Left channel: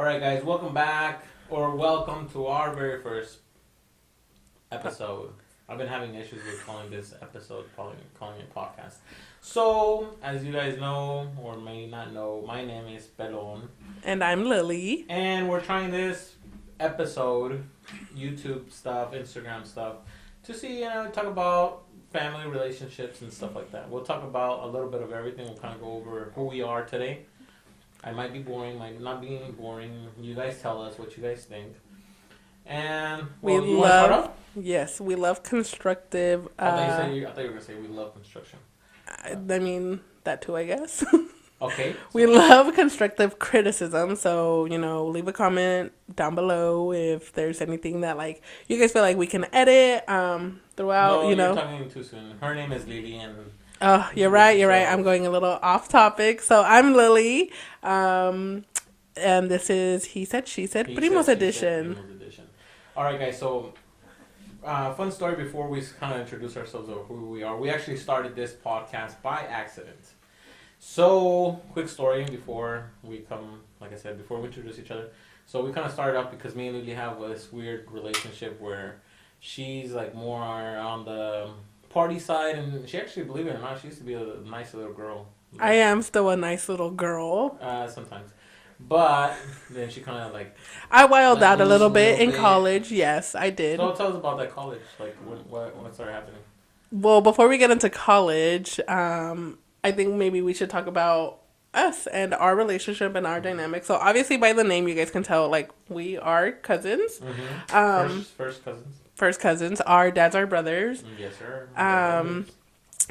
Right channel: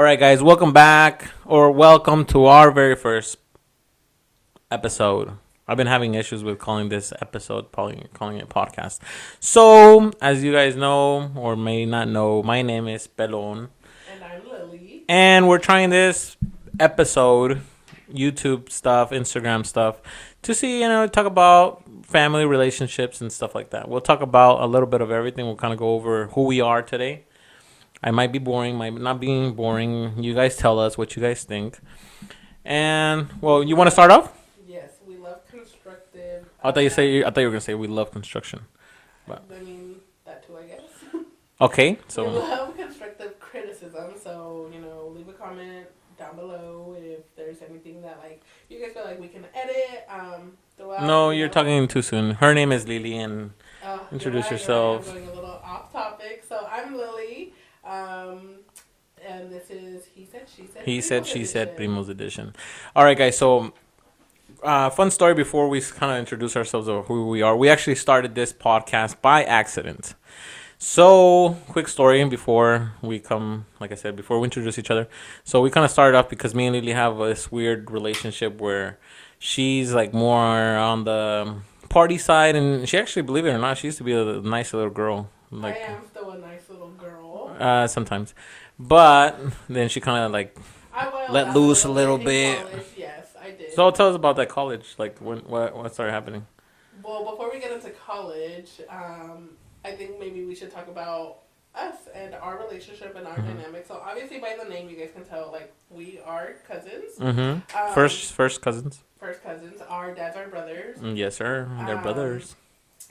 All right, guys, welcome back or welcome to our very first episode. I've been having issues with calling this episode, calling it podcast. So, as you guys know or may not know, my name is Pelon. And I'm Lily. And we're trying this episode, YouTube stuff, Instagram stuff, to see, talk about family relationships and stuff like that. We'll talk about a little bit of everything. We'll kind of go over who we are today. I might be boring, might not be boring. You guys tell us what you guys think. And, well, you want to start off? Yes, we love constructive. I thought you were going to say we love construction. I mean, that too, I guess. Okay. We love constructive criticism. So, leave a comment down below if there's anything that, you guys feel like we can edit throughout. No, you're talking too soon. Her name is Lily and... Oh, you're right. I'm going a little off topic. So I'm Lily, and this is He Said, She Said, Primos Edition. Primos Edition. All right, guys. So, fun story before we kind of introduce ourselves or who we are. We actually started this podcast by accident. So, quick story before we introduce each other. So, we kind of started off because me and Lily have this weird relationship where she's more on the party side, and she actually, believe it or not, she used to be a nice little girl. I am still a nice little girl. Sometimes. But then she kind of I wilded out a little bit in college. Yes, I did. So tell us about that college. What started happening? Well, before we get into college, I think maybe we should talk about us and our relationship and our dynamic. So obviously by the name you guys can tell we are cousins. First cousins. First cousins. Our dads are brothers. Yes, sir. They're brothers.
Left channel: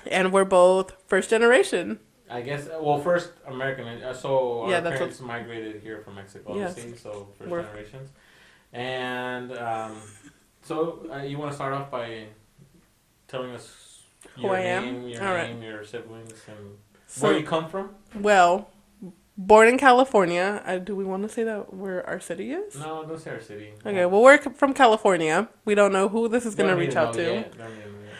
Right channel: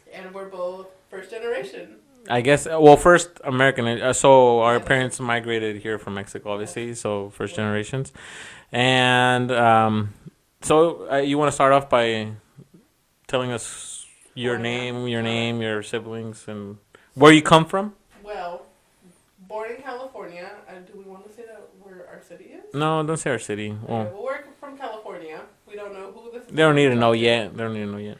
And we're both first generation. I guess, first American. So our parents migrated here from Mexico, obviously. Yes. So first generations. And you want to start off by telling us your name, your siblings, and where you come from? Well, born in California. Do we want to say that where our city is? No, don't say our city. Okay, well, we're from California. We don't know who this is. They don't need to know yet. They don't need to know yet.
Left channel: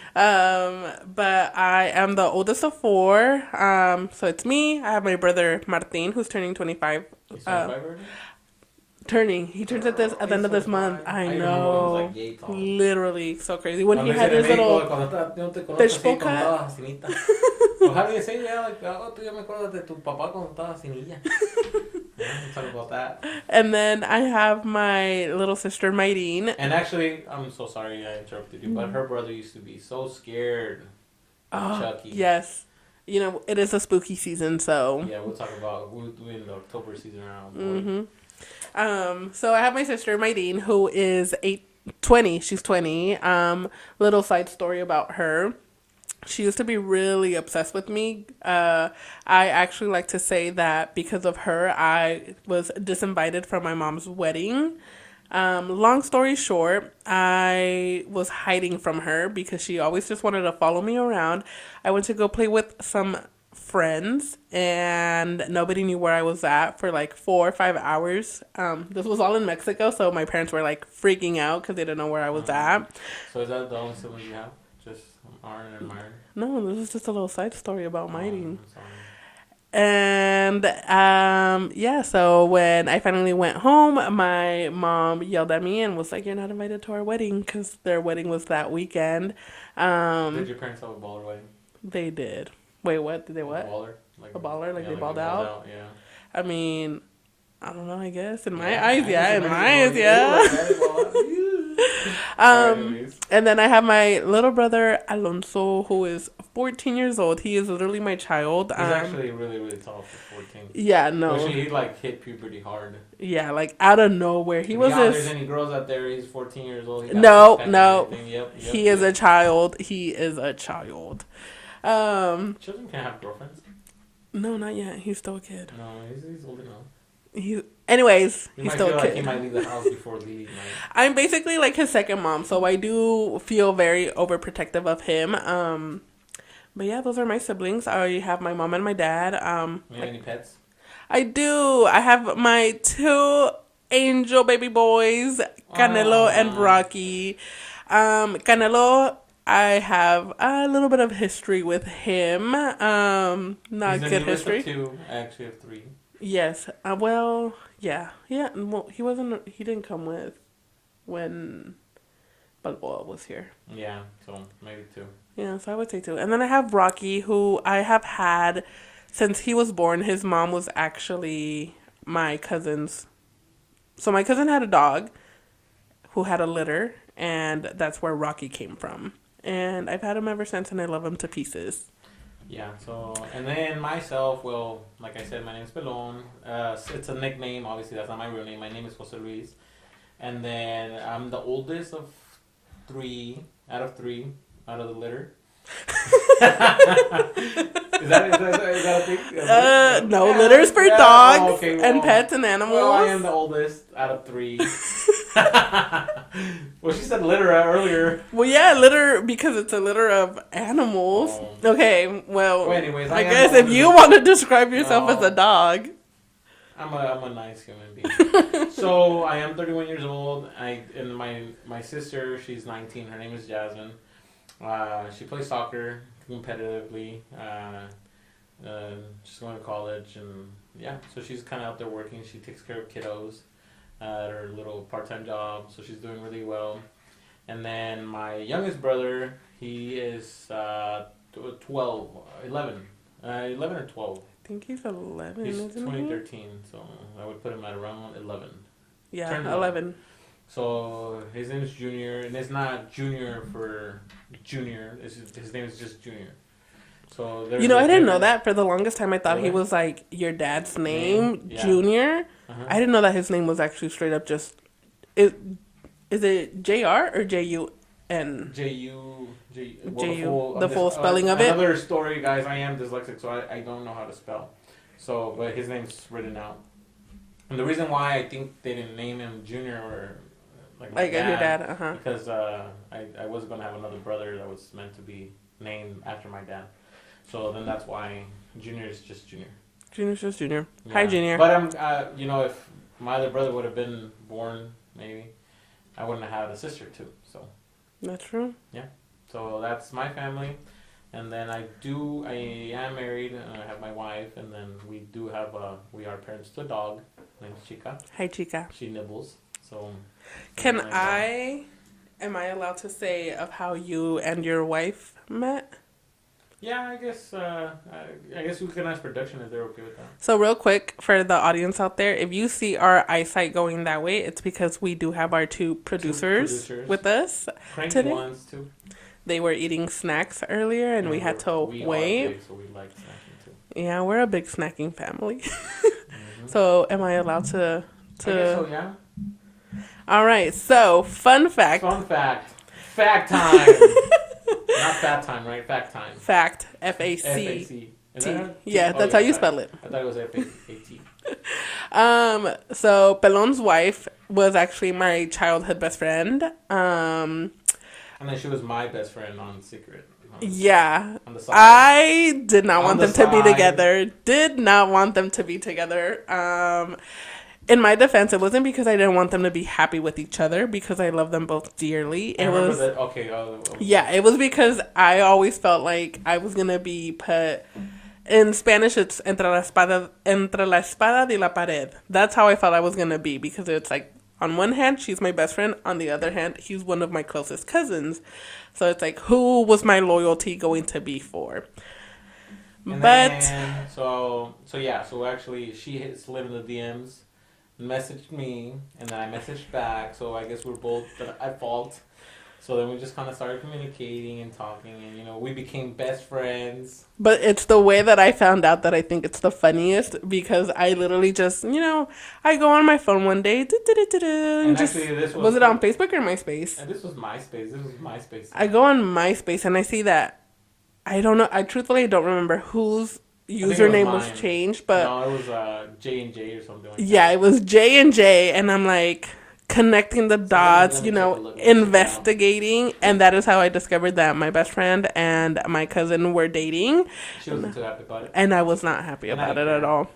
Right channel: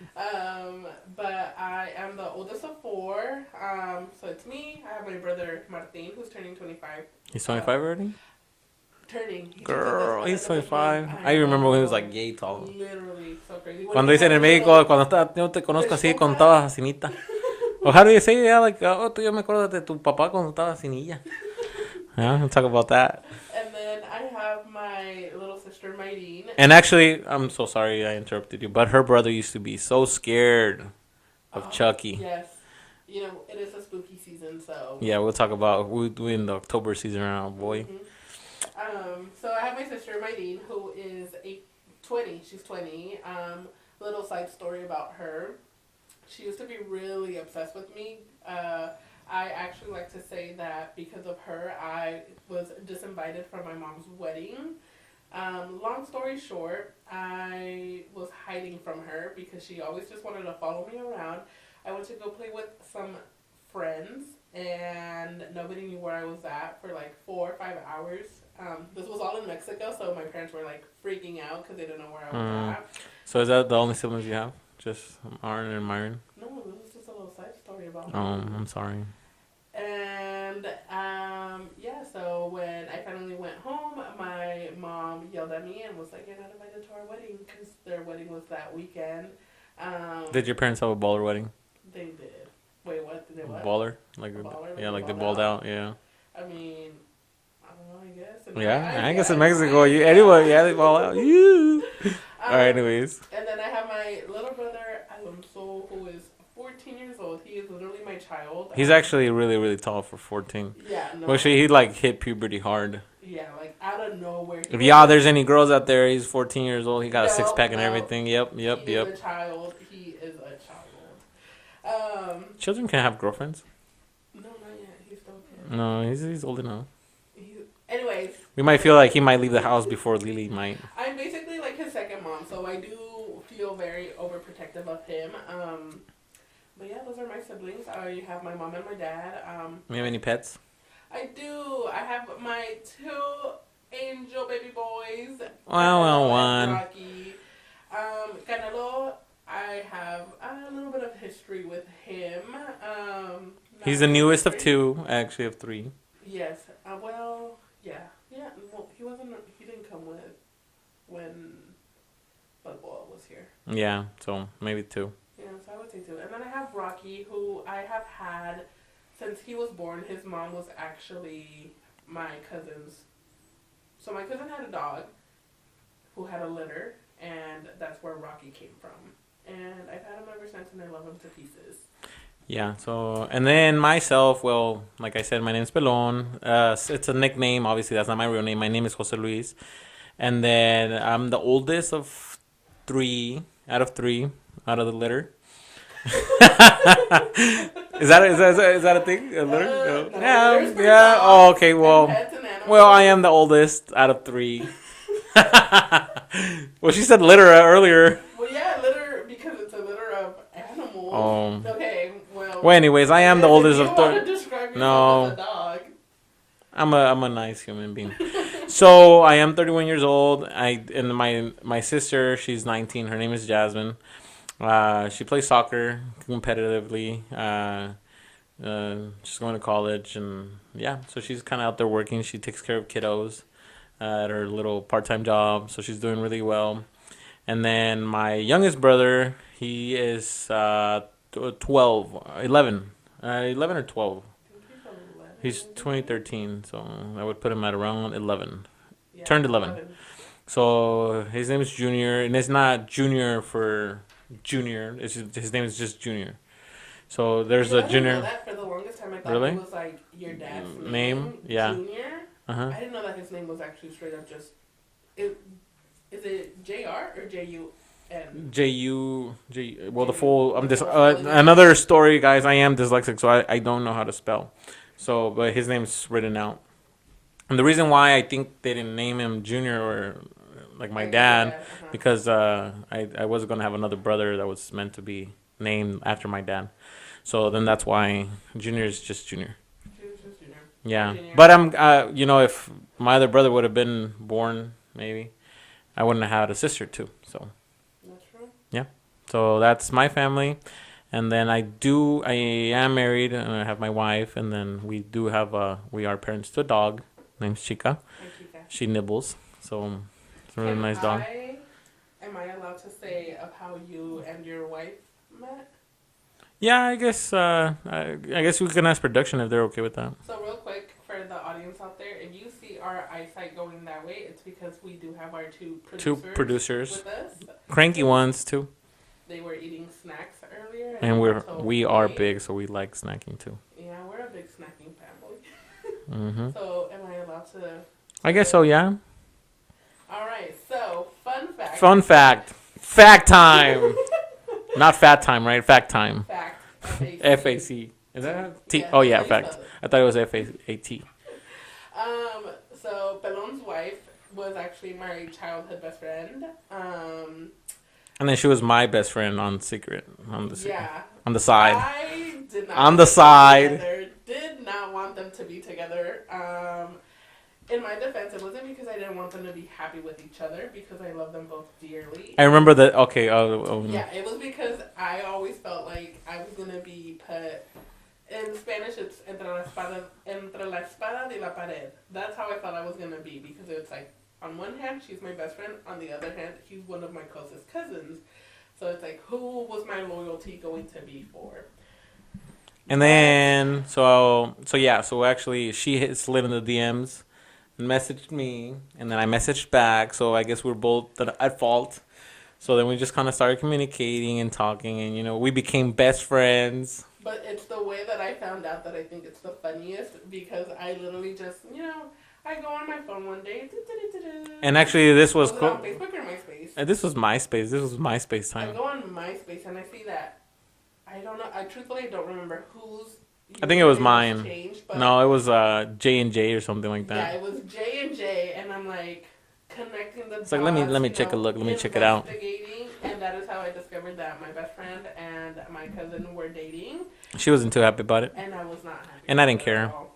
But I am the oldest of four. So it's me. I have my brother Martin, who's turning 25. He's 25 already? Turning. He turns at the end of this month. I remember when he was yay tall. Literally, so crazy. Cuando dicen en México, cuando no te conozco así, cuando estabas asinita. Well, how do you say it? Yeah, yo me acuerdo de tu papá cuando estaba sin niña. Yeah, we'll talk about that. And then I have my little sister, Mayreen. And actually, I'm so sorry I interrupted you, but her brother used to be so scared of Chucky. Yes. It is a spooky season, so... Yeah, we'll talk about... We're in the October season now, boy. Mm-hmm. So I have my sister, Mayreen, who is 20. She's 20. Little side story about her. She used to be really obsessed with me. I actually like to say that because of her, I was disinvited from my mom's wedding. Long story short, I was hiding from her because she always just wanted to follow me around. I went to go play with some friends, and nobody knew where I was at for 4 or 5 hours. This was all in Mexico, so my parents were freaking out because they didn't know where I was at. So is that the only siblings you have? Just Aaron and Myron? No, this is just a little side story about Myron. I'm sorry. And, so when I finally went home, my mom yelled at me and was like, "You're not invited to our wedding," because their wedding was that weekend. Did your parents have a baller wedding? They did. Wait, what? Did they what? A baller? A baller? Yeah, they balled out? Yeah. I mean... I don't know, I guess. In my eyes, I guess in Mexico, they ball out. Anyways. And then I have my little brother, Alonso, who is 14 years old. He is literally my child. He's actually really, really tall for 14. Yeah, no. Actually, he, hit puberty hard. Yeah, out of nowhere. There's any girls out there, he's 14 years old. He got a six-pack and everything. Yep. He is a child. He is a child. Children can have girlfriends? No, not yet. He's still a kid. No, he's old enough. Anyways, we might feel like he might leave the house before Lily might. I'm basically his second mom, so I do feel very overprotective of him. But yeah, those are my siblings. I have my mom and my dad. You have any pets? I do. I have my 2 angel baby boys, Canelo and Rocky. Canelo, I have a little bit of history with him. He's the newest of 2. I actually have 3. Yes. Well, yeah. Yeah. Well, he wasn't. He didn't come with when Balboa was here. Yeah, so maybe two. Yeah, so I would say two. And then I have Rocky, who I have had since he was born. His mom was actually my cousin's. So my cousin had a dog who had a litter, and that's where Rocky came from. And I've had him ever since, and I love him to pieces. Yeah, so, and then myself, well, like I said, my name's Pelon. It's a nickname. Obviously, that's not my real name. My name is Jose Luis. And then I'm the oldest of three out of the litter. Is that a thing? No, Yeah, litters for yeah. dogs Oh, okay, well, and pets and animals. well, I am the oldest out of three. Well, she said litter earlier. Well, yeah, litter because it's a litter of animals. Oh. Okay, well. Well, anyways, I am the guess oldest. if you of want to describe yourself No. as a dog. I'm a nice human being. So I am 31 years old. And my sister, she's 19. Her name is Jasmine. She plays soccer competitively. She's going to college, and yeah, so she's kind of out there working. She takes care of kiddos at her little part-time job, so she's doing really well. And then my youngest brother, he is 12, 11, 11 or 12. I think he's 11. He's isn't he? 2013, so I would put him at around 11. Yeah, Turned 11. So his name is Junior, and it's not Junior for Junior. His name is just Junior. So there's You know, a I didn't Junior. know that. For the longest time, I thought Really? he was like your dad's Name? name, Yeah. Junior. Uh-huh. I didn't know that his name was actually straight up just. Is it JR or JUN? Well, the J-U, full. the full spelling of it? Another story, guys. I am dyslexic, so I don't know how to spell. So, but his name's written out. And the reason why I think they didn't name him Junior or like my Like your dad, dad, uh-huh. because I was gonna have another brother that was meant to be named after my dad. So then that's why Junior is just Junior. Junior's just Junior. Yeah. Hi, Junior. But I'm if my other brother would have been born, maybe I wouldn't have had a sister too. So That's true. yeah. So that's my family. And then I am married, and I have my wife, and then we are parents to a dog named Chica. Hi, Chica. She nibbles. So Can nice dog. am I allowed to say of how you and your wife met? Yeah, I guess we can ask production if they're okay with that. So real quick for the audience out there, if you see our eyesight going that way, it's because we do have our two producers with us. Cranky today. ones too. They were eating snacks earlier, and we we are big, so we like snacking too. Yeah, we're a big snacking family. Mm-hmm. So am I allowed to? I guess so. Yeah. All right. So fun fact. Fun fact. Fact time. Not fat time, right? Fact time. Fact. FAC. FAC. Is that T. Yeah, that's how you fact. spell it. I thought it was FAT. So Pelon's wife was actually my childhood best friend. And then she was my best friend on Secret. Yeah. On the side. I did not On want the them side. to be together. Did not want them to be together. In my defense, it wasn't because I didn't want them to be happy with each other, because I love them both dearly. I remember that. Okay. Yeah, it was because I always felt like I was gonna be put. In Spanish, it's entre la espada y la pared. That's how I felt I was gonna be, because it's like, on one hand, she's my best friend. On the other hand, he's one of my closest cousins. So it's like, who was my loyalty going to be for? And then so actually she slid in the DMs. Messaged me, and then I messaged back, so I guess we're both at fault. So then we just kind of started communicating and talking, and we became best friends. But it's the way that I found out that I think it's the funniest, because I literally just, I go on my phone one day. And actually, this was... Was it on Facebook or MySpace? This was MySpace. This was MySpace time. I go on MySpace, and I see that, I don't know, I truthfully don't remember whose username was changed, but... No, it was J&J or something like that. Yeah, it was J&J, and I'm like... connecting the dots, let me take a look. Investigating, and that is how I discovered that my best friend and my cousin were dating. She wasn't too happy about it, and I was not happy and about I didn't it care at all.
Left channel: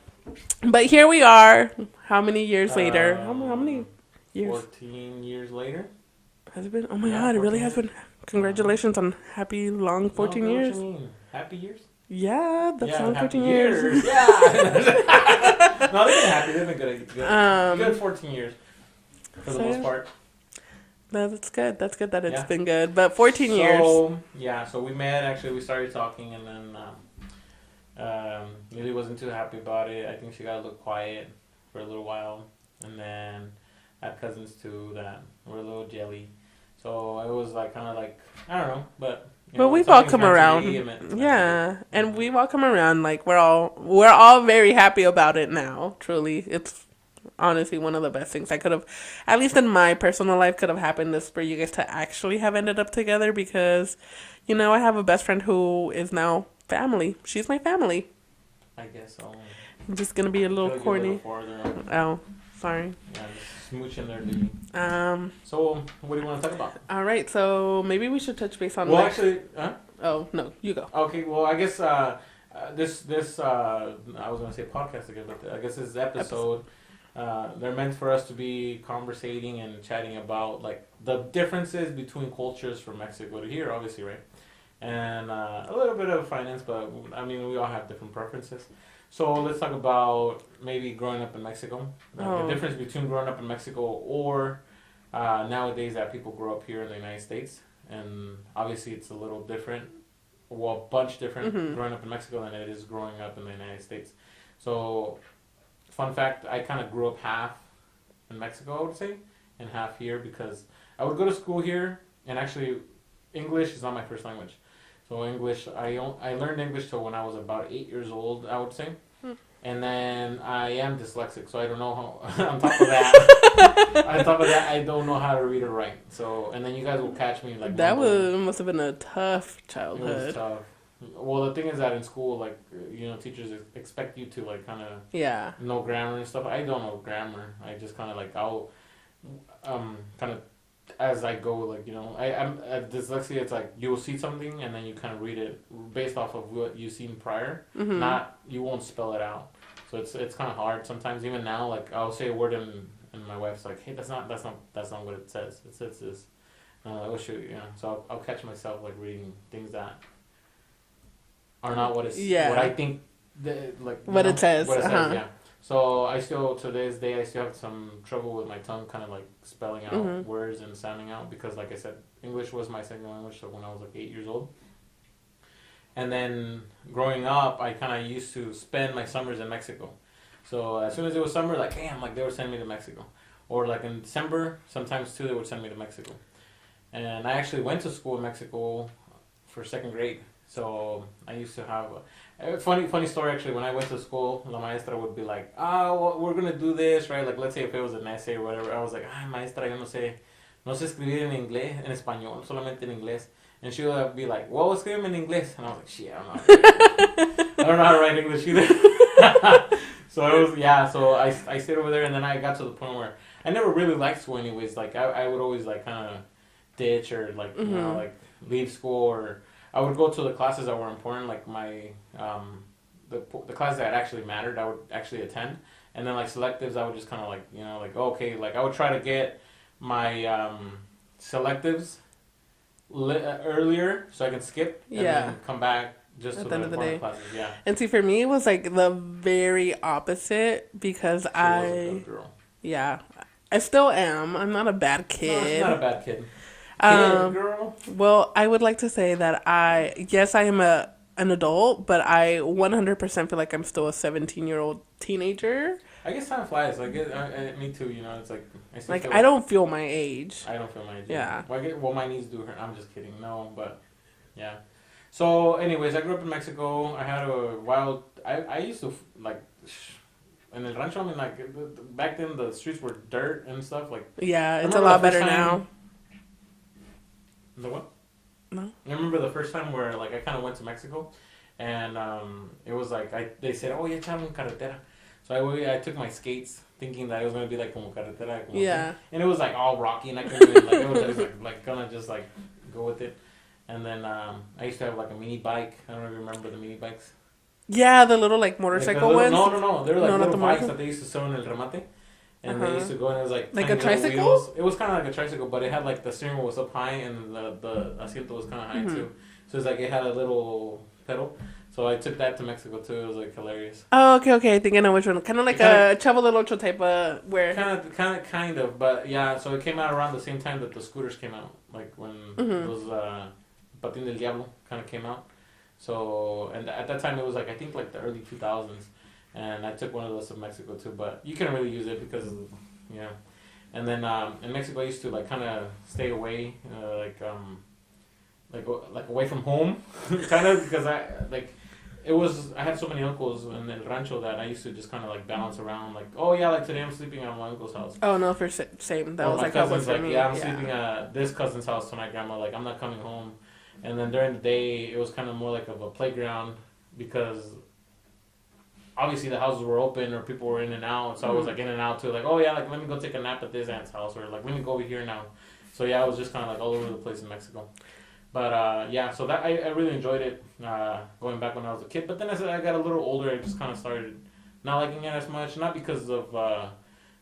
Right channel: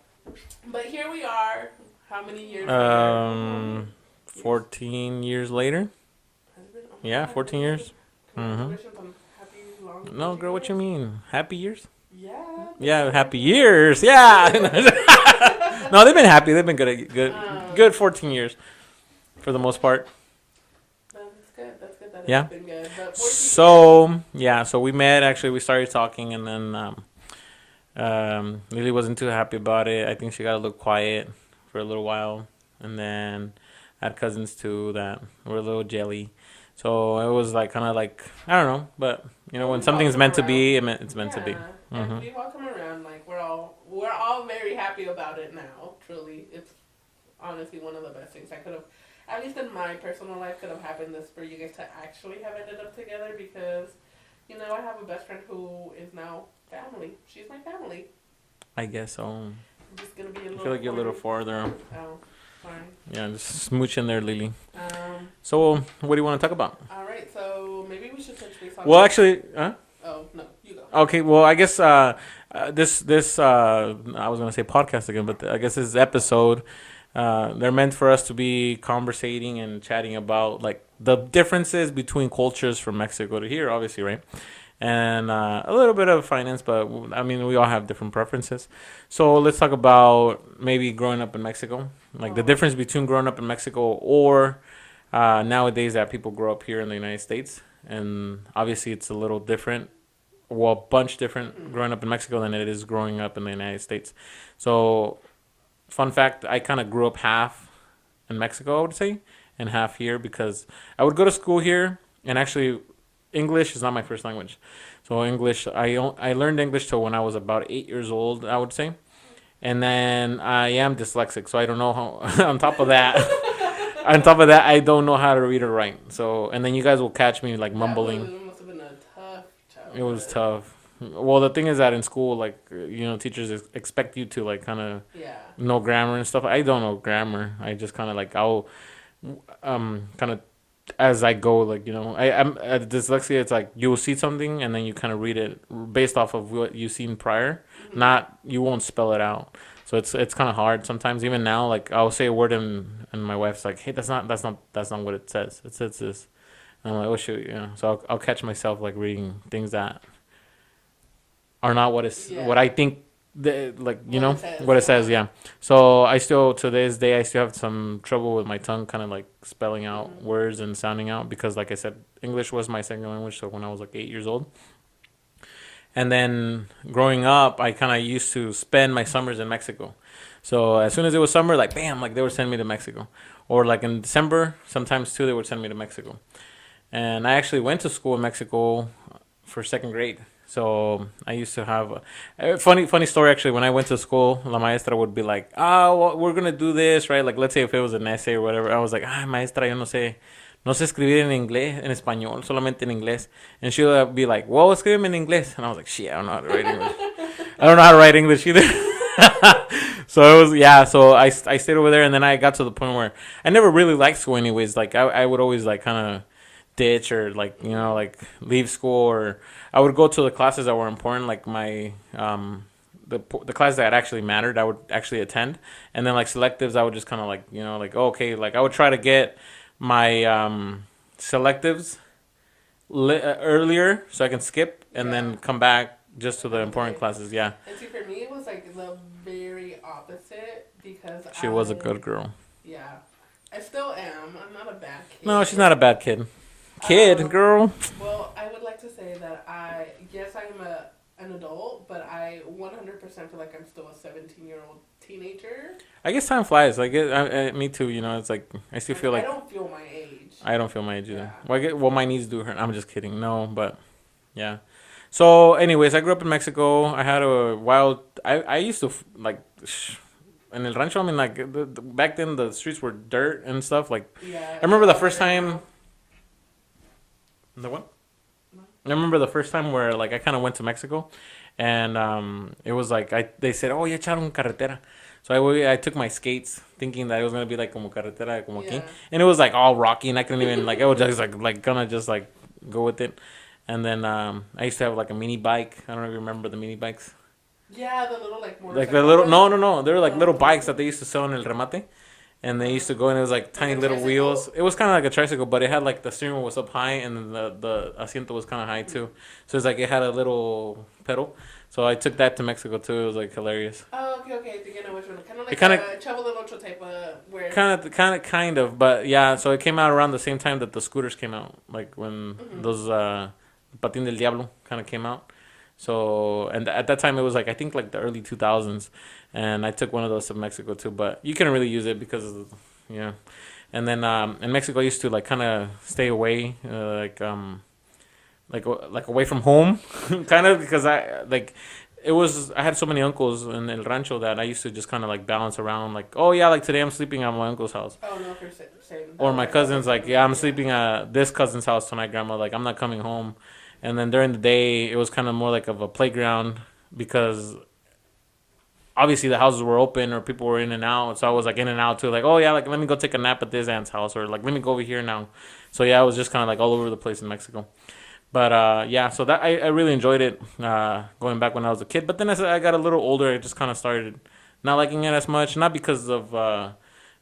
But here we are. How many years later? How many years? 14 years later. Has it been? Oh my Yeah, god! It 14 really years. has been Congratulations on happy long 14 girl, years. what you mean? Happy years? Yeah. That's Yeah, like happy 14 years. Yeah. No, they've been happy. They've been good 14 years for the most part. That's good. That's good that it's Yeah. been good. But 14 years. So, yeah, so we met, actually, we started talking, and then Lily wasn't too happy about it. I think she got a little quiet for a little while. And then I had cousins, too, that were a little jelly. So it was like, kind of like, I don't know, but, you know, when something's meant to be, it's meant to be. Yeah, and we welcome around. Like, we're all very happy about it now. Truly, it's honestly one of the best things I could have, at least in my personal life, could have happened is for you guys to actually have ended up together, because, you know, I have a best friend who is now family. She's my family. I guess so. I'm just gonna be a little like corny. a little farther. Oh, sorry. Yeah, just smooch in there, Lily. So what do you want to talk about? All right, so maybe we should touch base on. Well, actually, Oh no, you go. Okay, well, I guess this I was gonna say podcast again, but I guess this episode, they're meant for us to be conversating and chatting about like the differences between cultures from Mexico to here, obviously, right? And a little bit of finance, but I mean, we all have different preferences. So let's talk about maybe growing up in Mexico, like the difference between growing up in Mexico or nowadays that people grow up here in the United States. And obviously it's a little different, well, a bunch different growing up in Mexico than it is growing up in the United States. So, fun fact, I kind of grew up half in Mexico, I would say, and half here, because I would go to school here, and actually English is not my first language. So English, I learned English till when I was about 8 years old, I would say. And then I am dyslexic, so I don't know how, on top of that, I don't know how to read or write. So, and then you guys will catch me like mumbling. That must have been a tough childhood. It was tough. Well, the thing is that in school, like, you know, teachers expect you to like kind of know grammar and stuff. I don't know grammar. I just kind of like, I'll kind of as I go, like, you know, I'm dyslexia. It's like you will see something and then you kind of read it based off of what you've seen prior. Not, you won't spell it out. So it's kind of hard sometimes. Even now, like I'll say a word and my wife's like, hey, that's not what it says. It says this. And I'm like, oh shoot, you know. So I'll catch myself like reading things that are not what what I think. What it says, yeah. So I still, to this day, I still have some trouble with my tongue kind of like spelling out words and sounding out, because like I said, English was my second language. So when I was like 8 years old, and then growing up, I kind of used to spend my summers in Mexico. So as soon as it was summer, like bam, like they would send me to Mexico, or like in December sometimes too, they would send me to Mexico. And I actually went to school in Mexico for second grade. So I used to have a funny story, actually. When I went to school, la maestra would be like, well, we're going to do this, right? Like, let's say if it was an essay or whatever, I was like, maestra, yo no sé escribir en inglés, en español, solamente en inglés. And she would be like, well, escríbeme en inglés. And I was like, shit, I don't know how to write English. I don't know how to write English either. So it was, yeah, so I stayed over there, and then I got to the point where I never really liked school anyways. Like, I would always, like, kind of ditch or, like, you know, like, leave school, or I would go to the classes that were important, like my the class that actually mattered, I would actually attend. And then like selectives, I would just kind of like, you know, like, okay, like I would try to get my selectives earlier so I can skip and then come back just to the important classes. Yeah. And see, for me, it was like the very opposite, because she was a good girl. Yeah. I still am. I'm not a bad kid. No, she's not a bad kid. Girl. Well, I would like to say that I am an adult, but I 100% feel like I'm still a 17-year-old teenager. I guess time flies. Like me too. You know, it's like I still feel like I don't feel my age. I don't feel my age. Yeah. Well, my knees do hurt. I'm just kidding. No, but yeah. So, anyways, I grew up in Mexico. I had a wild. I used to like. In El Rancho, I mean, like back then, the streets were dirt and stuff. Like, yeah, I remember the first time. Now. The what? No. I remember the first time where like I kind of went to Mexico, and it was like they said, "Oh, ya echaron carretera," so I took my skates thinking that it was gonna be like como carretera, como aquí. And it was like all rocky, and I couldn't even like I was just like gonna just like go with it. And then I used to have like a mini bike. I don't know if you remember the mini bikes. Yeah, the little like motorcycle. Like the little, no, they were like little bikes that they used to sell in El Remate. and they used to go and it was like Like tiny a little tricycle? wheels. It was kind of like a tricycle, but it had like the steering wheel was up high and then the asiento was kind of high too. So it's like it had a little pedal. So I took that to Mexico too. It was like hilarious. Oh, okay. I think I know which one. Kind of like a Chavo del Ocho type of where. Kind of, but yeah. So it came out around the same time that the scooters came out, like when those Patín del Diablo kind of came out. So and at that time it was like I think like the early 2000s, and I took one of those to Mexico too. But you couldn't really use it because, you know. And then in Mexico I used to like kind of stay away, like away from home, kind of because I had so many uncles in El Rancho that I used to just kind of like balance around like, oh yeah, like today I'm sleeping at my uncle's house. Oh no, for same. Or my cousins like, yeah, I'm sleeping at this cousin's house tonight, grandma. Like I'm not coming home. And then during the day it was kind of more like of a playground because obviously the houses were open or people were in and out. So I was like in and out too. Like, oh yeah, like let me go take a nap at this aunt's house or like let me go over here now. So yeah, I was just kind of like all over the place in Mexico. But yeah, so that I really enjoyed it going back when I was a kid. But then as I got a little older, I just kind of started not liking it as much. Not because of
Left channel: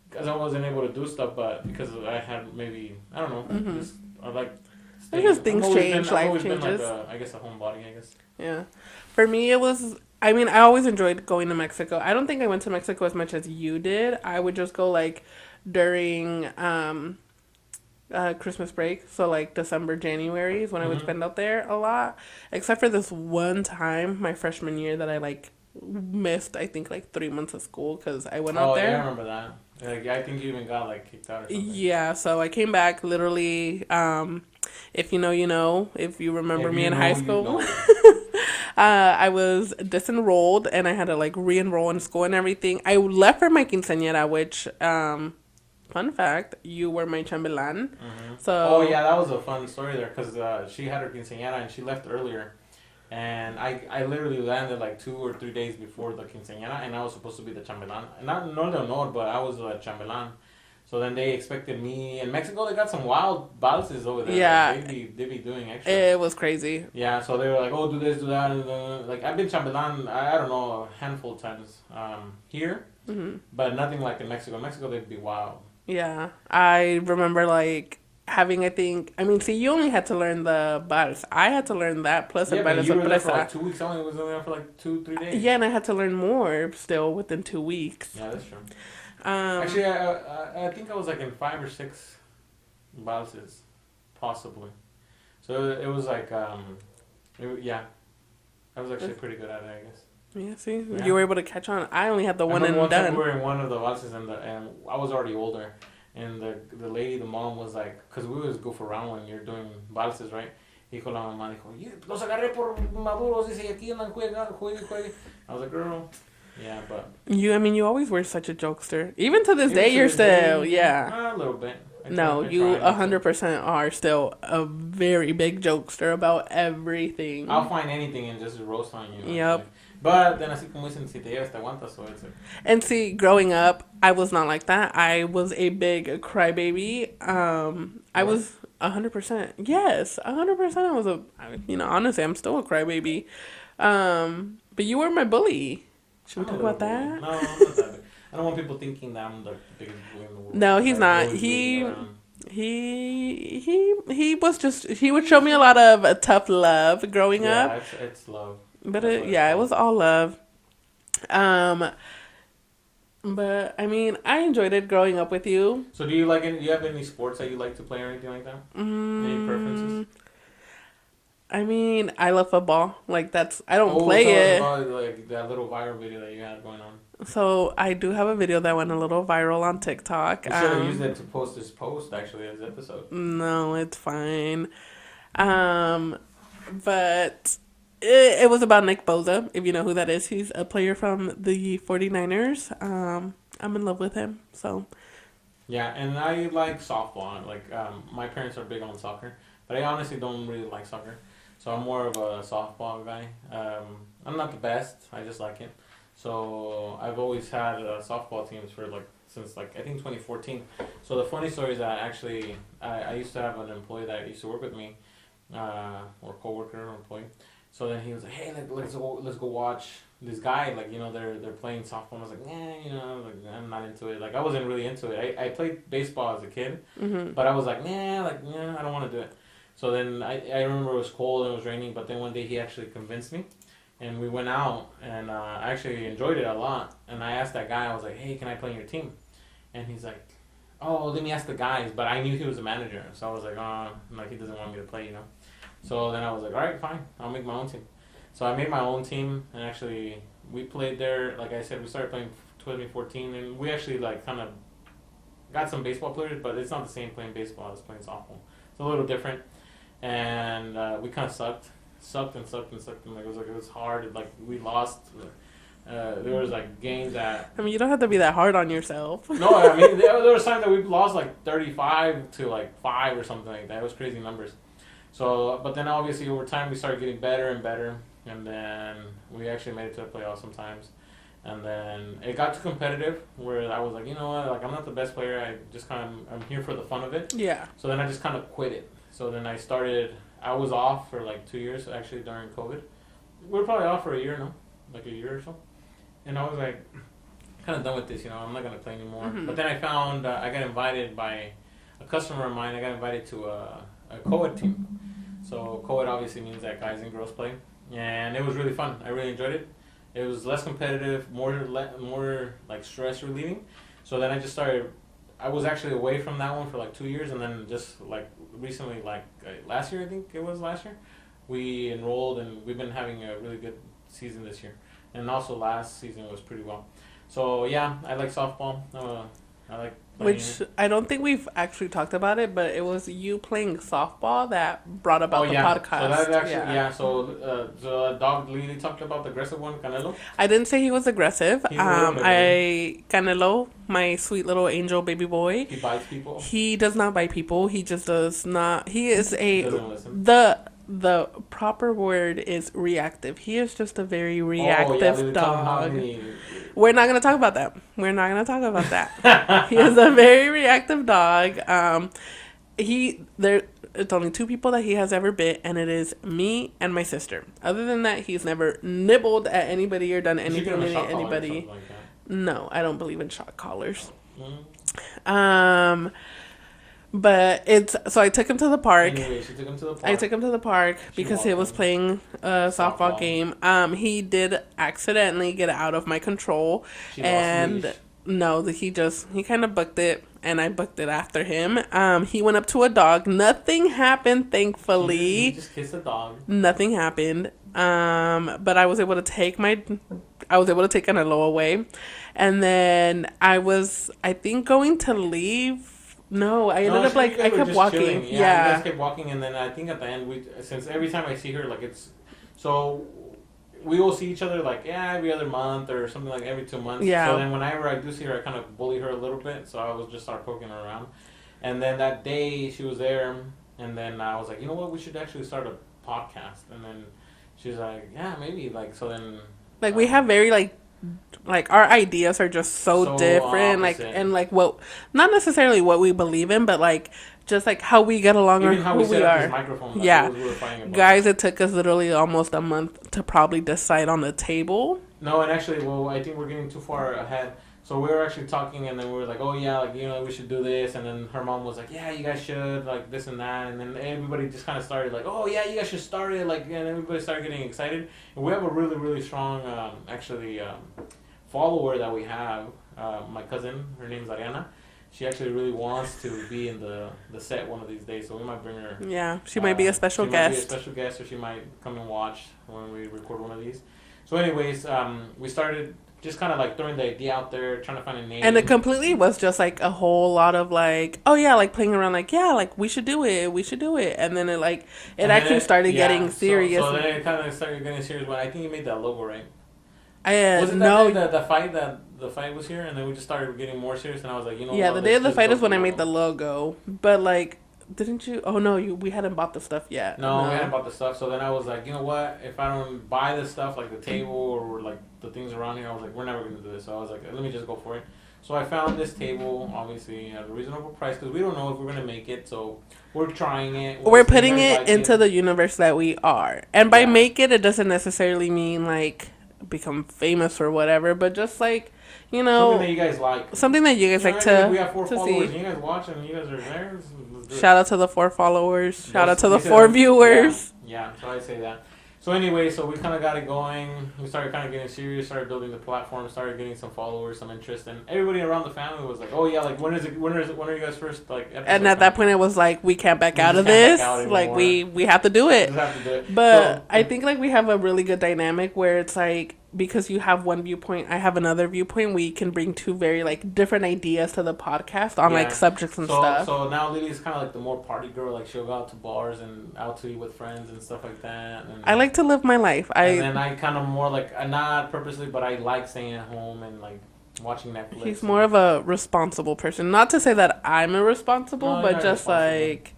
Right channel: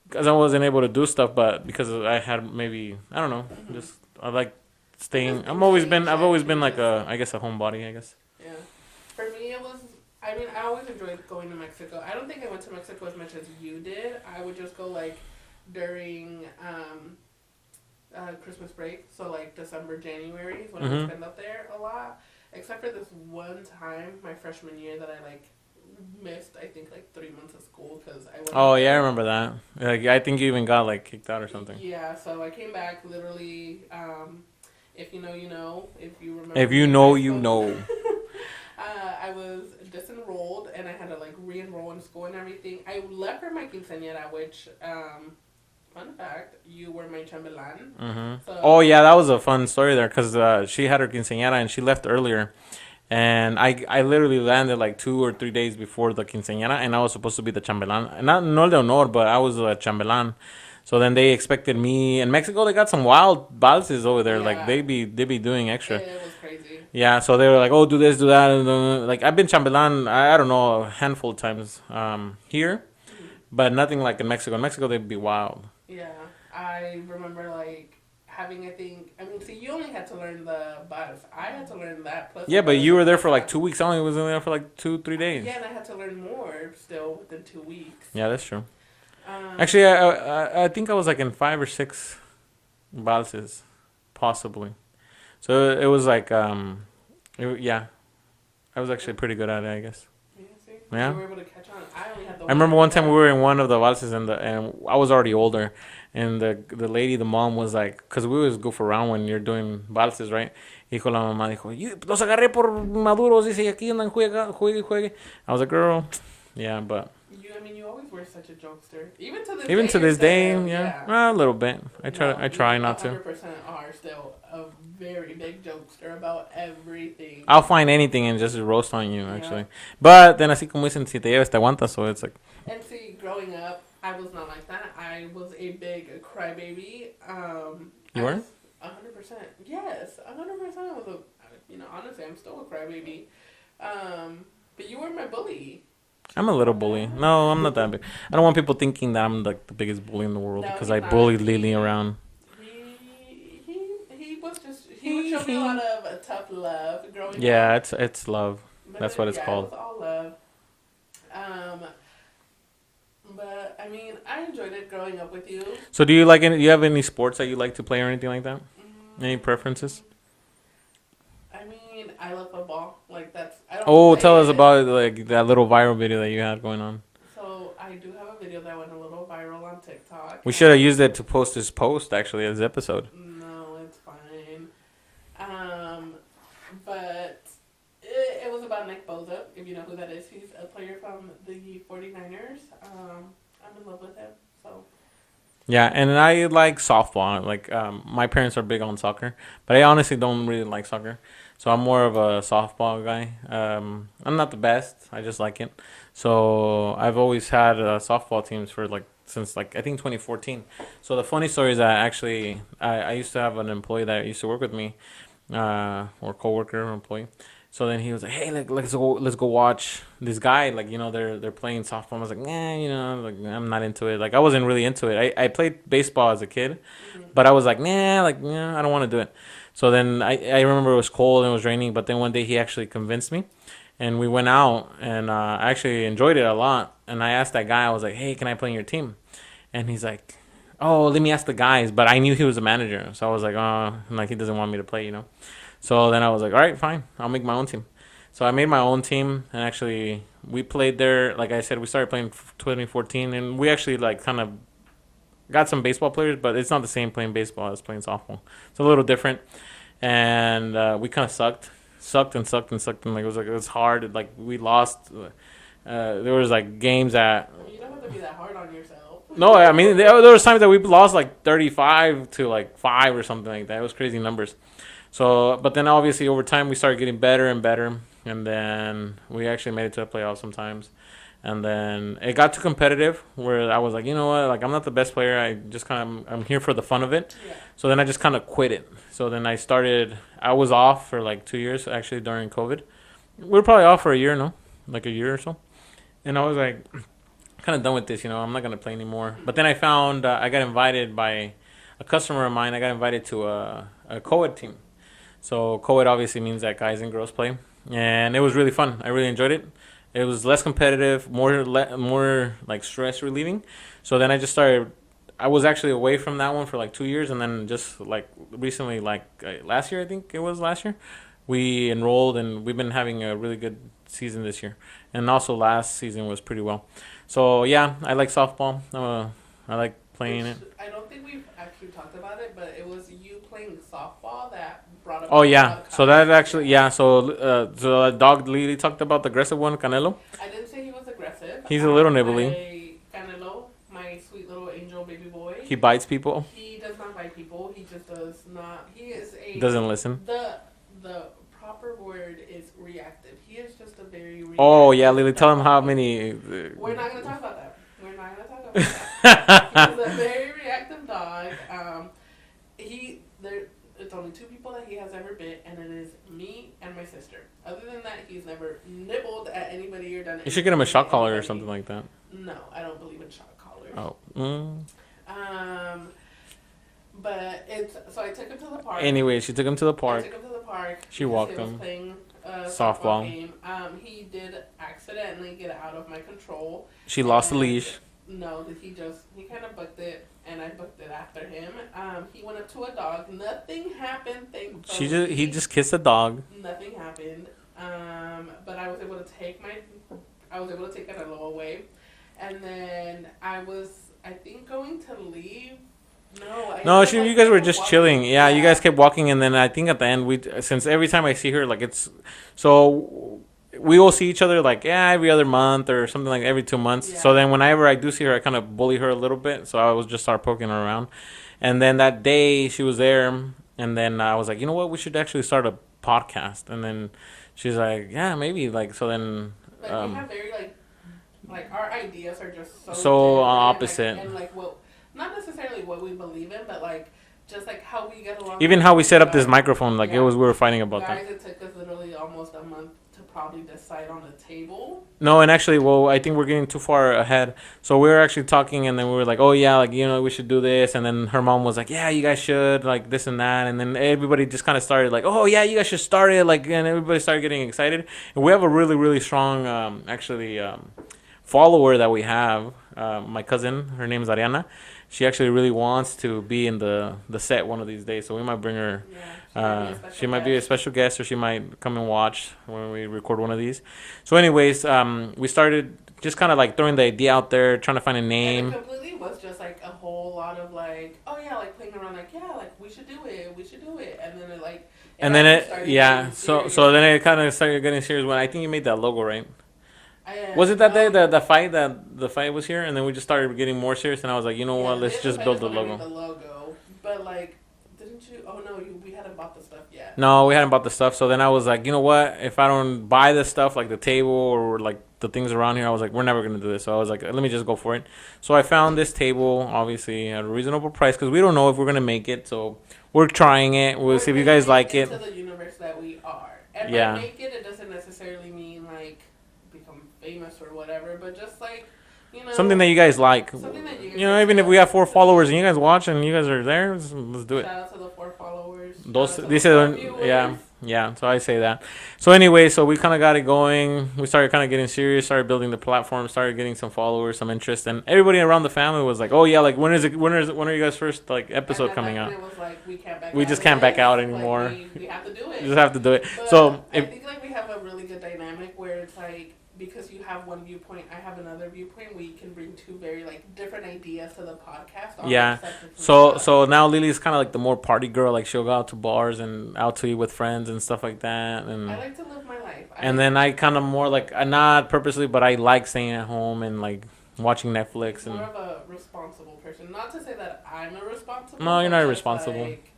because I wasn't able to do stuff, but because I had maybe I don't know. Just I like staying. I've always been like I guess a homebody. I guess. Yeah, for me it was. I mean, I always enjoyed going to Mexico. I don't think I went to Mexico as much as you did. I would just go like during Christmas break, so like December, January is when I would spend out there a lot. Except for this one time, my freshman year, that I like missed. I think like 3 months of school because I went. Oh out there. yeah, I remember that. Like I think you even got like kicked out or something. Yeah, so I came back literally. If you know, you know. If you remember, if me you in know, high school, you know. I was disenrolled and I had to like re-enroll in school and everything. I left for my quinceañera, which fun fact, you were my chambelán. So oh yeah, that was a fun story there because she had her quinceañera and she left earlier, and I literally landed like 2 or 3 days before the quinceañera, and I was supposed to be the chambelán, not no de honor, but I was a chambelán. So then they expected me in Mexico. They got some wild valses over there. Yeah. Like they be doing extra. it was crazy. Yeah, so they were like, "Oh, do this, do that," and like I've been chambelán. I don't know, a handful of times here, but nothing like in Mexico. In Mexico, they'd be wild. Yeah, I remember like having. I mean, see, you only had to learn the vals. I had to learn that plus. Yeah, but you were there for like 2 weeks. I only was in there for like 2-3 days. Yeah, and I had to learn more still within 2 weeks. Yeah, that's true. Actually, I think I was like in 5 or 6 valses, possibly. So it was like yeah, I was actually pretty good at it, I guess. Yeah, see, Yeah. you were able to catch on. I only had the one. I remember one and time we done. were in one of the valses and I was already older, and the lady, the mom was like, because we always goof around when you're doing valses, right? Dijo la mamá, dijo, los agarré por maduros, dice, y aquí andan juegue. I was like, girl. Yeah, but I mean, you always were such a jokester. Even to this day, you're still, yeah. A little bit. I try not to. 100% are still a very big jokester about everything. I'll find anything and just roast on you, actually. But then, así como dicen, si te llevas, te aguantas, so it's like... And see, growing up, I was not like that. I was a big crybaby. I was 100%. Yes, 100% I was honestly, I'm still a crybaby. But you were my bully. I'm a little bully. That? No, I'm not that big. I don't want people thinking that I'm like the biggest bully in the world. No, he's not. Bullies lead me around. He was just he would show me a lot of tough love growing up. Yeah, it's love. But that's what it's called. it was all love. But I mean, I enjoyed it growing up with you. So do you like any? Do you have any sports that you like to play or anything like that? Any preferences? I mean, I love football. Like that's I don't. Play tell it. us about like that little viral video that you had going on. So I do have a video that went a little viral on TikTok. We should have used it to post this post actually as episode. No, it's fine. But it was about Nick Bosa. If you know who that is, he's a player from the 49ers. I'm in love with him. So. Yeah, and I like softball. Like my parents are big on soccer, but I honestly don't really like soccer. So I'm more of a softball guy. I'm not the best. I just like it. So I've always had softball teams for since I think 2014. So the funny story is that I used to have an employee that used to work with me, or coworker or employee, So then he was like, "Hey, like let's go watch this guy. Like, they're playing softball." I was like, "Nah, like I'm not into it. Like I wasn't really into it. I played baseball as a kid, but I was like, nah, like I don't want to do it." So then I remember it was cold and it was raining, but then one day he actually convinced me, and we went out, and I actually enjoyed it a lot. And I asked that guy, I was like, "Hey, can I play in your team?" And he's like, "Oh, let me ask the guys." But I knew he was a manager, so I was like, "Oh, like he doesn't want me to play." So then I was like, "All right, fine, I'll make my own team." So I made my own team, and actually we played there. Like I said, we started playing 2014, and we actually like kind of got some baseball players, but it's not the same playing baseball as playing softball. It's a little different, and we kind of sucked and sucked and sucked, and it was hard. Like we lost. There was like games that. I mean, you don't have to be that hard on yourself. No, I mean there was times that we lost like 35 to like 5 or something like that. It was crazy numbers. So, but then obviously over time we started getting better and better, and then we actually made it to the playoffs sometimes. And then it got too competitive where I was like, you know what, like I'm not the best player. I just I'm here for the fun of it. Yeah. So then I just kind of quit it. So then I was off for like 2 years actually during COVID. We were probably off for a year, no? Like a year or so. And I was like, kind of done with this, I'm not going to play anymore. Mm-hmm. But then I found, I got invited by a customer of mine. I got invited to a co-ed team. So co-ed obviously means that guys and girls play. And it was really fun. I really enjoyed it. It was less competitive, more like stress relieving. So then I just started, I was actually away from that one for like 2 years. And then just like recently, like last year, I think it was last year, we enrolled and we've been having a really good season this year. And also last season was pretty well. So yeah, I like softball. I like playing it. I don't think we've actually talked about it, but it was you playing softball that brought about the podcast. So that actually, so the dog Lily talked about the aggressive one, Canelo. I didn't say he was aggressive. He's a little nibbly. Canelo, my sweet little angel baby boy. He bites people. He does not bite people. He just does not. He is doesn't listen. The proper word is reactive. He is just a very reactive. Oh yeah, Lily, tell him how many. We're not gonna talk about that. We're not gonna talk about that. He is a very reactive dog. It's only 2 people that he has ever bit, and it is me and my sister. Other than that, he's never nibbled at anybody or done anything. You should get him a shock collar or something like that. No, I don't believe in shock collars. Oh. But so I took him to the park. Anyway, she took him to the park. I took him to the park because he was playing a softball game. He did accidentally get out of my control. She lost the leash. No, he kind of booked it, and I booked it after him. He went up to a dog. Nothing happened, thankfully. He just kissed a dog. Nothing happened. But I was able to take Canelo away, and then I think going to leave. No, you guys were just walking. Chilling. Yeah, you guys kept walking, and then I think at the end since every time I see her, like we will see each other like every other month or something, like every 2 months. Yeah. So then whenever I do see her, I kind of bully her a little bit. So I was just start poking her around, and then that day she was there, and then I was like, you know what, we should actually start a podcast, and then she's like, yeah, maybe, like, so then we have very like our ideas are just so different, opposite. Not necessarily what we believe in, but like just like how we get along. Even how we set up this microphone, we were fighting about. Guys, it took us literally almost a month to probably decide on the table. No, and actually, I think we're getting too far ahead. So we were actually talking, and then we were like, oh yeah, like we should do this, and then her mom was like, yeah, you guys should, like this and that, and then everybody just kind of started like, oh yeah, you guys should start it, like, and everybody started getting excited. And we have a really, really strong, follower that we have, my cousin, her name is Ariana. She actually really wants to be in the set one of these days, so we might bring her. Yeah, she might be a special guest. She might be a special guest, or she might come and watch when we record one of these. So anyways, we started just kind of like throwing the idea out there, trying to find a name. And it completely was just like a whole lot of like, oh yeah, like playing around, like, yeah, like we should do it. And then it started getting serious. So then it kind of started getting serious when I think you made that logo, right? Was it that day that the fight was here, and then we just started getting more serious, and I was like, what? Yeah, the day of the fight is when I made the logo. But like, didn't you? Oh no, we hadn't bought the stuff yet. No, we hadn't bought the stuff. So then I was like, you know what? If I don't buy the stuff, like the table or like the things around here, I was like, we're never gonna do this. So I was like, let me just go for it. So I found this table, obviously at a reasonable price, because we don't know if we're gonna make it. So we're trying it. We're See if you putting guys it like into the universe that we are. And by Yeah. make it doesn't necessarily mean like become famous or whatever, but just like, you know, something that you guys like. something that you guys You know, like even to, if we have 4 to followers see. and you guys watch and you guys are there, let's do it. Shout out to the 4 followers. Shout out to the These are 4 viewers. Yeah, so I say that. So anyway, so we kind of got it going. We started kind of getting serious, started building the platform, started getting some followers, some interest, and everybody around the family was like, "Oh yeah, like when are you guys first like episodes?" And at that point, out? it was like we can't back We out just of can't this. back out Like anymore. we have to do We it. just have to do it. But So I think like we have a really good dynamic where it's like because you have one viewpoint, I have another viewpoint. We can bring 2 very like different ideas to the podcast on like subjects and stuff. So now Lily's kind of like the more party girl. Like she'll go out to bars and out to eat with friends and stuff like that. And I like to live my life. and then I kind of more like not purposely, but I like staying at home and like watching Netflix. He's more of a responsible person. Not to say that I'm irresponsible, No, you're but not just irresponsible. like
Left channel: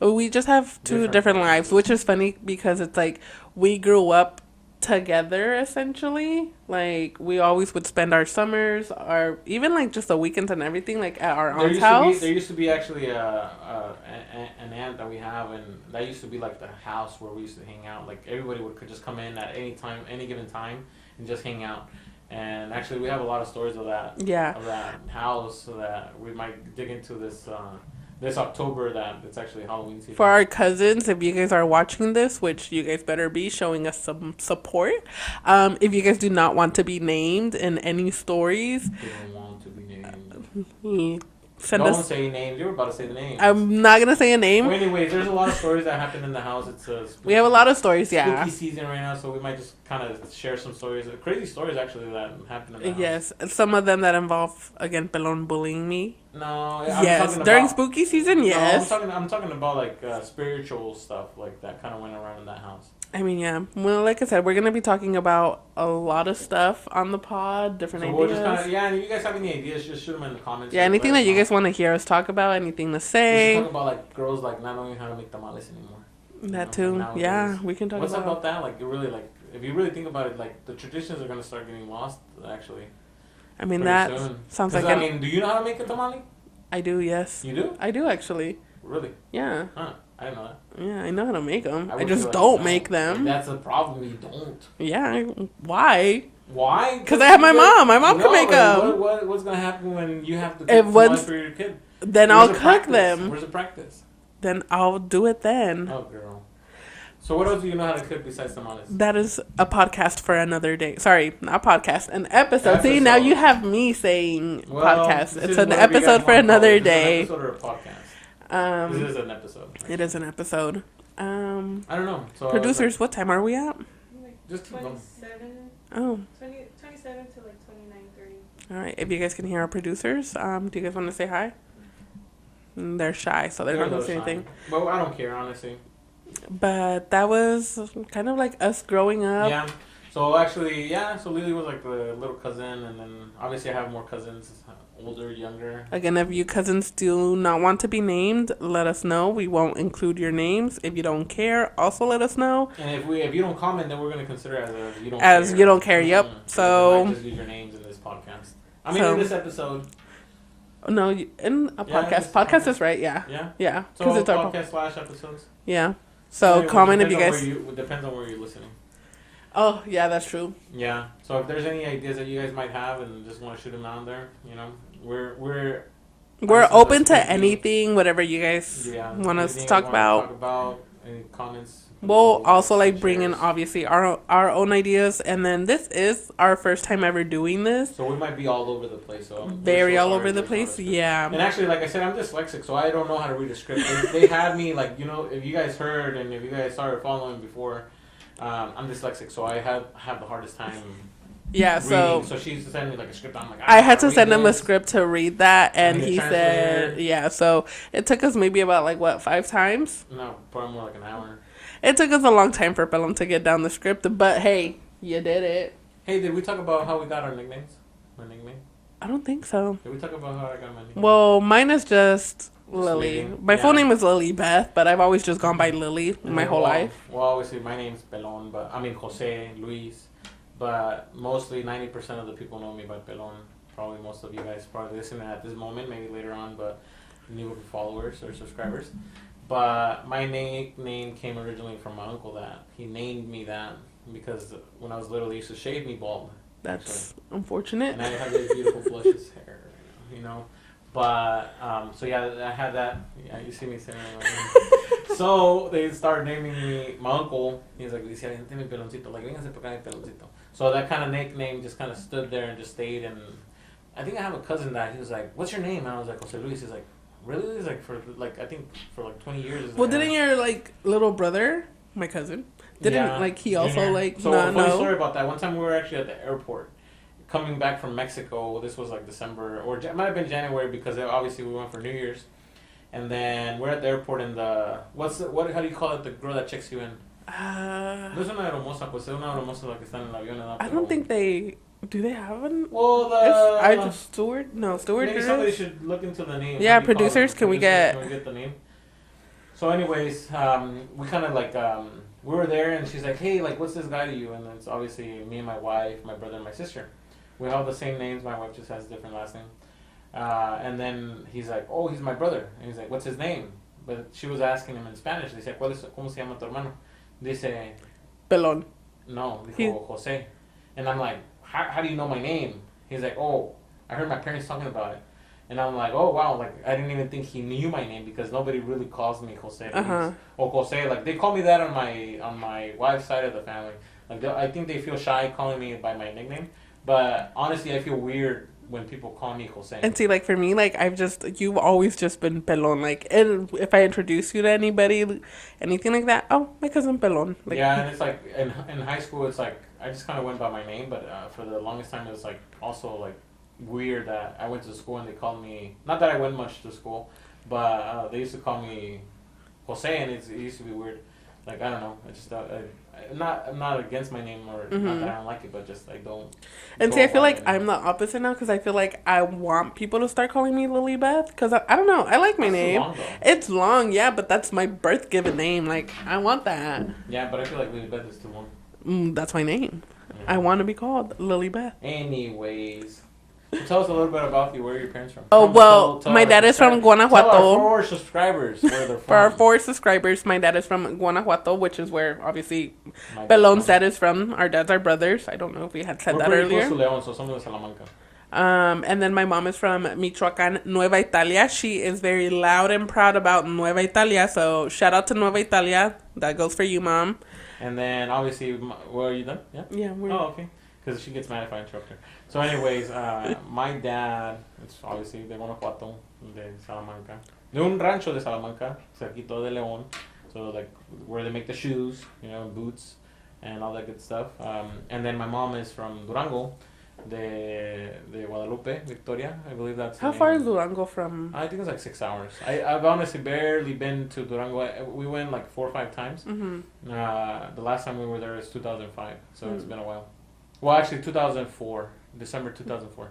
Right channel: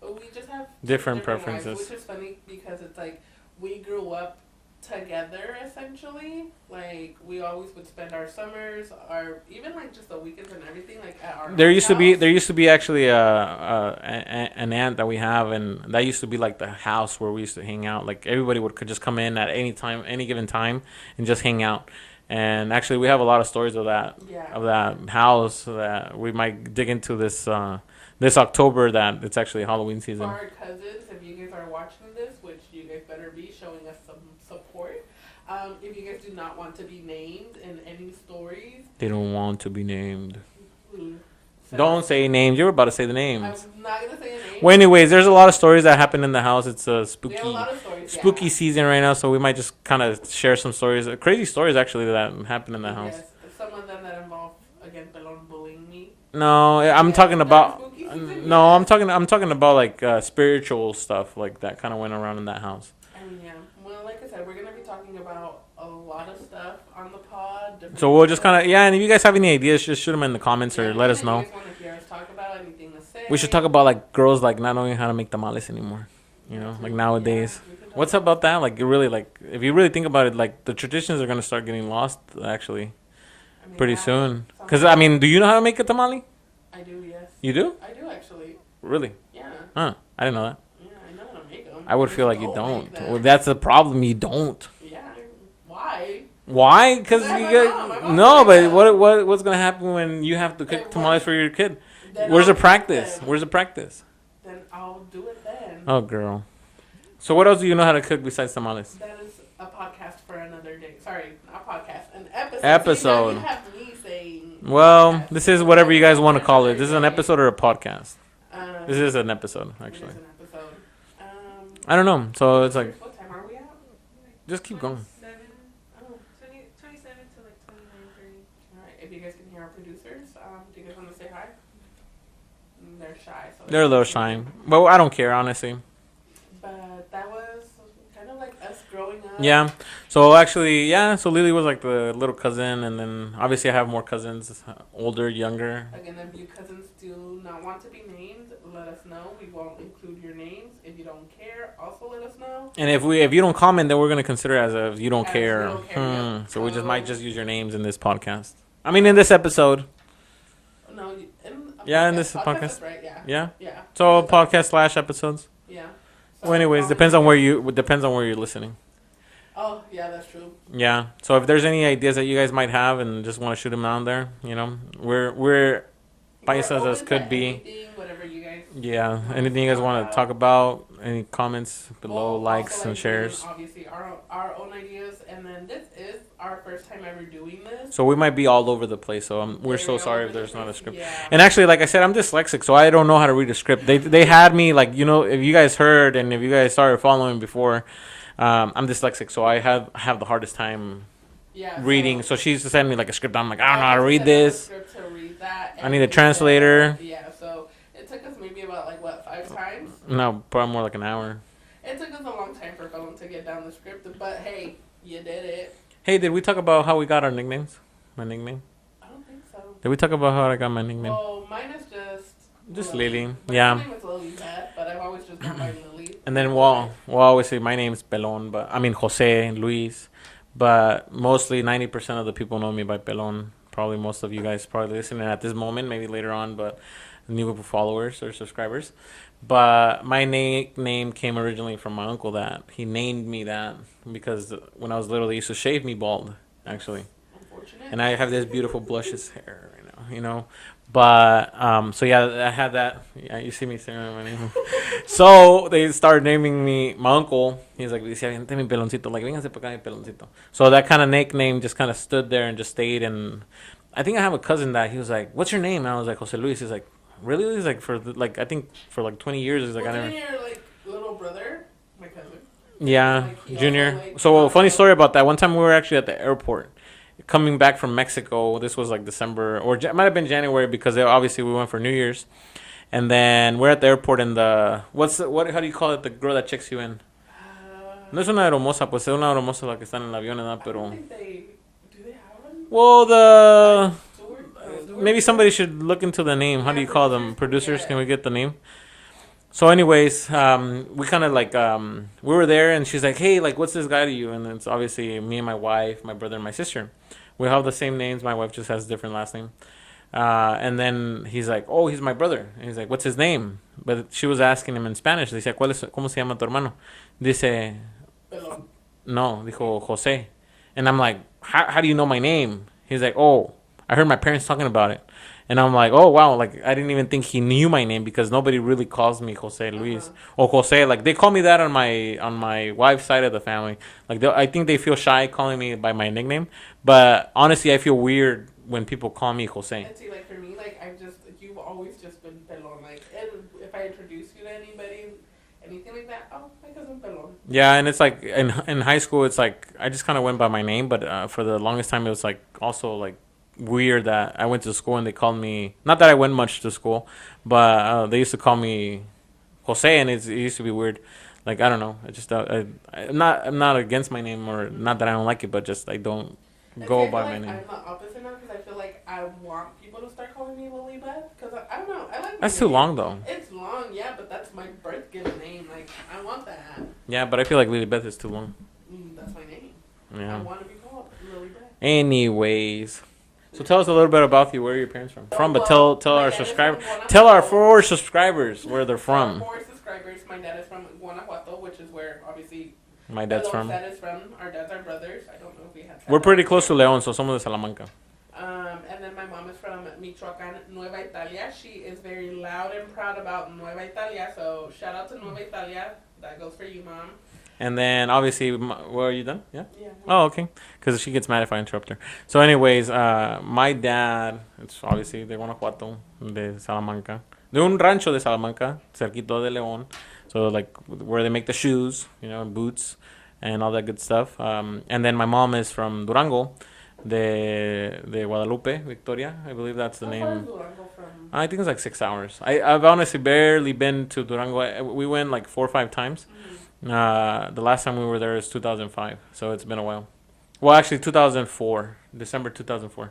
we just have 2 different lives, preferences. which is funny because it's like we grew up together essentially. Like we always would spend our summers, our even like just the weekends and everything, like at our There aunt's house. used to be actually an aunt that we have, and that used to be like the house where we used to hang out. Like everybody could just come in at any time, any given time, and just hang out. And actually, we have a lot of stories of that Yeah. house that we might dig into this October. That it's actually Halloween season. For our cousins, if you guys are watching this, which you guys better be showing us some support. If you guys do not want to be named in any stories, They don't want to be named. send Don't us. say names. You were about to say the names. I'm not gonna say a name. Well, anyways, there's a lot of stories that happen in the house. It's a spooky, We have a lot of stories. Yeah. spooky season right now, so we might just kind of share some stories, crazy stories actually that happen in the house. Yes, some of them that involve again Pelon bullying me. No, I'm Yes, talking during about spooky season. Yes. No, I'm talking about like spiritual stuff like that kind of went around in that house. I mean, yeah. Well, like I said, we're gonna be talking about a lot of stuff on the pod. Different. So we'll just ideas. kind of and if you guys have any ideas, just shoot them in the comments. Yeah, or anything let us that you know. guys want to hear us talk about, anything to say. We should talk about like girls like not knowing how to make tamales anymore. You that know, too. like nowadays. Yeah, we can talk. What's about that? Like, it really, like, if you really think about it, like, the traditions are gonna start getting lost, actually, I mean, pretty that soon. sounds Because like I mean, do you know how to make a tamale? I do. Yes. You do? I do actually. Really? Yeah. Huh? I didn't know that. Yeah, I know how to make them. I would just feel like don't you make them. Well, that's the problem. You don't. Yeah. Why? Why? Because I have my mom. My mom. No, can make but them. what's gonna happen when you have to If cook once- tamales for your kid? Then Where's I'll the cook practice? them. Where's the practice? Then I'll do it then. Oh, girl. So what else do you know how to cook besides tamales? That is a podcast for another day. Sorry, not podcast, an episode. See, now you have me saying Well, podcast. this It's is an whatever you guys episode want for to call another it. This is an day. episode or a podcast? This Um, is an episode. it actually. is an episode. I don't know. So it's Producers, like, what time are we at? just keep going. 27, Oh, 27 to like 29:30. all right. If you guys can hear our producers, do you guys want to say hi? They're shy, so They're a not little saying shy. anything. Well, I don't care, honestly. But that was kind of like us growing up. Yeah. So actually, yeah. So Lily was like the little cousin, and then obviously I have more cousins, older, younger. Again, if you cousins do not want to be named, let us know. We won't include your names. If you don't care, also let us know. And if you don't comment, then we're gonna consider it as a you don't As care. you don't care, yep. So we just might just use your names in this podcast. I mean, in this episode. No, in a Yeah, podcast. this Podcast podcast. is right, yeah. Yeah. Yeah. So 'Cause it's our- podcast / episodes. Yeah. So So anyways, comment if depends on where guys- you depends on where you're listening. Oh, yeah, that's true. Yeah. So if there's any ideas that you guys might have and just want to shoot them out there, you know, we're We're License open us to could be- anything, whatever you guys yeah. want us Anything to you guys talk want to about. talk about? Any comments? below, We'll also likes, like and bring in shares. obviously our own ideas, and then this is our first time ever doing this. So we might be all over the place. So we're Very so all sorry over if the there's not a place. script. Yeah. And actually, like I said, I'm dyslexic, so I don't know how to read a script. They had me like, you know, if you guys heard and if you guys started following before, I'm dyslexic, so I have the hardest time Yeah. reading. So So she used to send me like a script. I'm like, I I had to read send him a this. script to read that, and need a he translator. said- yeah. So it took us maybe about like what 5 times. No, probably more like an hour. It took us a long time for Pelham to get down the script, but hey, you did it. Hey, did we talk about how we got our nicknames? My nickname? I don't think so. Did we talk about how I got my nickname? Well, mine is just Lily. Lily. My Yeah. full name is Lily Beth, but I've always just gone by Lily and my then whole life. we'll always say my name's Pelon, but I mean Jose, Luis, but mostly 90% of the people know me by Pelon. Probably most of you guys probably listening at this moment, maybe later on, but new followers or subscribers. But my name came originally from my uncle. That he named me that because when I was little, they used to shave me bald. Actually, That's unfortunate. and I have this beautiful luscious hair right now, you know. But so yeah, I had that. Yeah, you see me staring at my name. So they started naming me my uncle. He's like, "Decía, "Vente mi peloncito," like, "Véngase para acá mi peloncito." So that kind of nickname just kind of stood there and just stayed. And I think I have a cousin that he was like, "What's your name?" And I was like, "Jose Luis." He's like, "Really?" He's like, I think for like 20 years. He's like, Well, didn't your like little brother, my cousin, didn't, yeah, like he Junior. also like So not funny know? story about that. One time we were actually at the airport, coming back from Mexico. This was like December or it might have been January because obviously we went for New Year's, and then we're at the airport and what how do you call it, the girl that checks you in? No es una aeromoza, pues es una aeromoza la que está en el avión, ¿verdad? I Pero don't think they do. They have one. well, the Steward? No, steward. maybe girl? somebody should look into the name. Yeah, How do you call them? producers, Can we get the name? So, anyways, we kind of like we were there, and she's like, "Hey, like, what's this guy to you?" And it's obviously me and my wife, my brother, and my sister. We have the same names. My wife just has a different last name. And then he's like, "Oh, he's my brother." And he's like, "What's his name?" But she was asking him in Spanish. Decía, ¿Cómo se llama tu hermano? Dice, Pelon. no, dijo Jose. And I'm like, how do you know my name? He's like, oh, I heard my parents talking about it. And I'm like, oh, wow. Like, I didn't even think he knew my name because nobody really calls me Jose Luis. Or Jose. Like, they call me that on my wife's side of the family. Like, I think they feel shy calling me by my nickname. But honestly, I feel weird when people call me Jose. And see, like for me, like you've always just been Pelon. Like, and if I introduce you to anybody, anything like that, oh, my cousin Pelon. Like, yeah, and it's like in high school, it's like I just kind of went by my name, but for the longest time, it was like also like weird that I went to school and they called me. Not that I went much to school, but they used to call me Jose, and it used to be weird. Like I don't know, I just I'm not against my name or not that I don't like it, but just I don't. And go see, I feel by like my name. I'm the opposite now because I feel like I want people to start calling me Lily Beth because I don't know. I like my That's name. too long though. It's long, yeah, but that's my birth given name. Like, I want that. Yeah, but I feel like Lily Beth is too long. That's my name. Yeah. I want to be called Lily Beth. Anyways, so tell us a little bit about you. Where are your parents from? Oh, but well, tell my our dad is from subscribers- Tell our Guanajuato. 4 subscribers where they're For our from. 4 subscribers, my dad is from Guanajuato, which is where obviously My dad's Pelon's from- dad is from. Our dads are brothers. I don't know if we had said We're that pretty earlier. close to León, so somos de Salamanca. And then my mom is from Michoacán, Nueva Italia. She is very loud and proud about Nueva Italia. So shout out to Nueva Italia. That goes for you, Mom. And then obviously, were you done? Yeah. Yeah. Oh, okay. Because she gets mad if I interrupt her. So, anyways, my dad, it's obviously de Guanajuato, de Salamanca, de un rancho de Salamanca, cerquito de León. So, like where they make the shoes, boots, and all that good stuff. And then my mom is from Durango, de Guadalupe, Victoria. I believe that's the How name. far is Durango from? I think it's like 6 hours. I've honestly barely been to Durango. We went like 4 or 5 times. The last time we were there is 2005, so it's been a while. Well, actually, 2004, December 2004.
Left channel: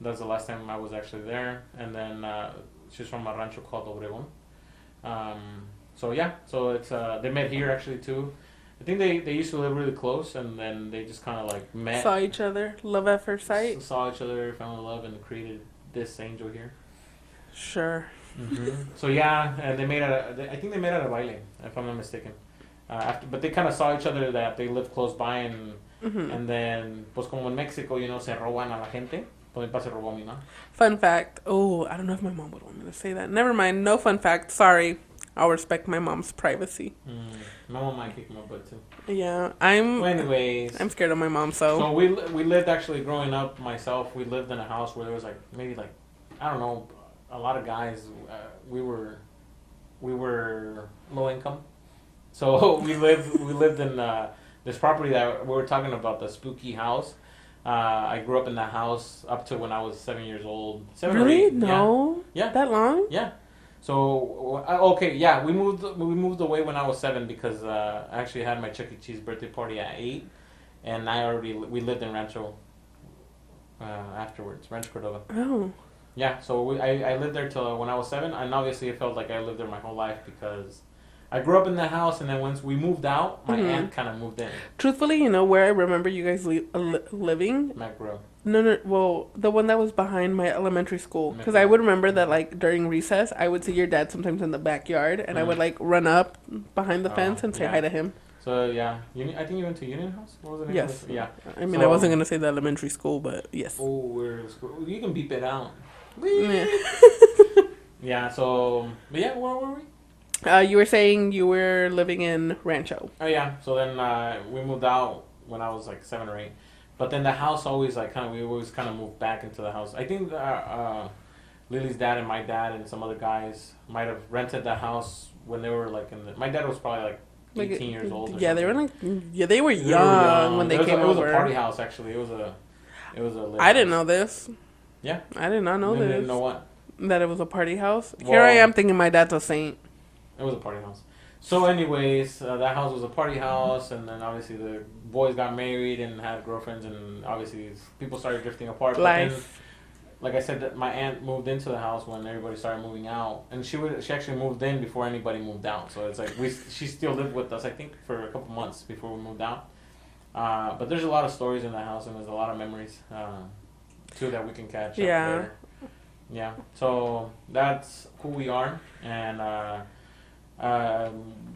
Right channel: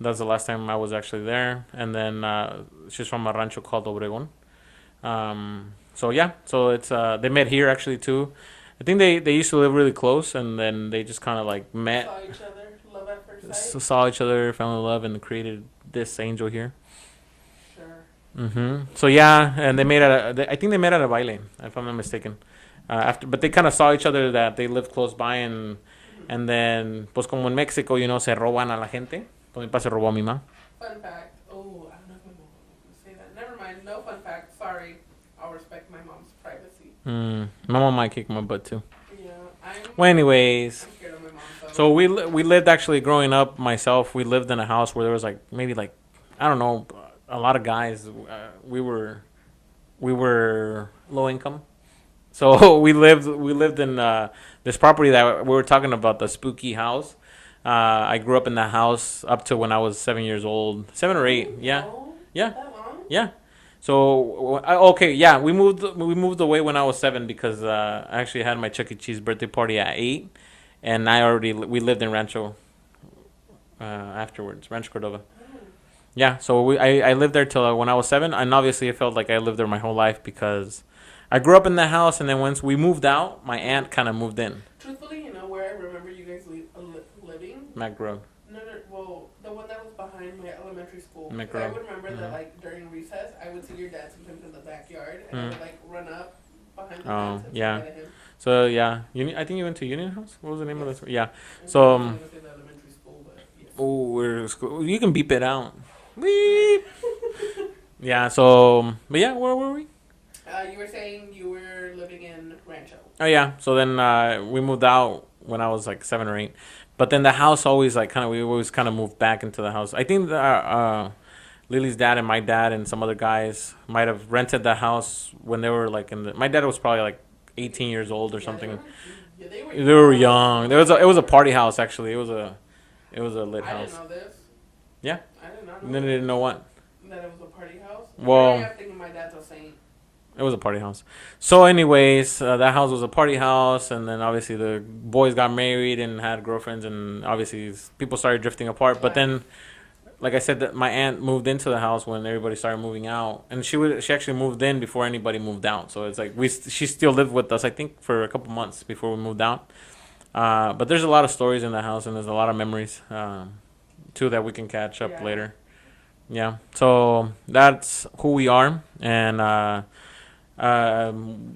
That's the last time I was actually there. And then she's from a rancho called Obregón. So yeah, so it's they met here actually too. I think they used to live really close, and then they just kind of like met. Saw each other. Love at first sight. Saw each other, fell in love, and created this angel here. Sure. So yeah, and they made I think they met at a baile, if I'm not mistaken. But they kind of saw each other that they lived close by, and then pues como en Mexico, se roban a la gente. Pues mi papá se robó a mi mamá. Fun fact. Oh, I don't know if my mom would want me to say that. Never mind. No fun fact. Sorry. I'll respect my mom's privacy. My mom might kick my butt too. Yeah, Well, anyways, I'm scared of my mom. So we lived actually growing up. Myself, we lived in a house where there was like maybe like I don't know, a lot of guys. We were low income, so we lived in this property that we were talking about, the spooky house. I grew up in that house up to when I was 7 years old, 7 or 8. No, Yeah. that long. Yeah. So we moved away when I was 7 because I actually had my Chuck E. Cheese birthday party at 8, and we lived in Rancho afterwards, Rancho Cordova. Oh. Yeah, so I lived there till when I was 7, and obviously it felt like I lived there my whole life because I grew up in the house, and then once we moved out, my Mm-hmm. aunt kind of moved in. Truthfully, you know where I remember you guys living? Mac Grove. No. Well, the one that was behind my elementary school. Because I would remember that, like, during recess, I would see your dad sometimes in the backyard, and I would, like, run up behind the fence and say hi to him. So, yeah. I think you went to Union House? What was the name of Yes. it? Yeah. I mean, So, I wasn't going to say the elementary school, but yes. Oh, we're school. You can beep it out. Yeah. Yeah, so... But, yeah, where were we? You were saying you were living in Rancho. Oh, yeah. So, then we moved out when I was, like, 7 or 8. But then the house always, like, we always kind of moved back into the house. I think Lily's dad and my dad and some other guys might have rented the house when they were, like, my dad was probably, like, 18 years old or something. They were like, they were young. They were young. It was a party house, actually. It was a lit I didn't house. know this. Yeah. I did not know They this. didn't know what? That it was a party house. Well, Here I am thinking my dad's a saint. It was a party house. So, anyways, that house was a party house, and then obviously the boys got married and had girlfriends, and obviously people started drifting apart. But then, like I said, that my aunt moved into the house when everybody started moving out, and she actually moved in before anybody moved out. So it's like she still lived with us, I think, for a couple months before we moved out. But there's a lot of stories in the house, and there's a lot of memories too that we can catch up later. Yeah. So that's who we are, and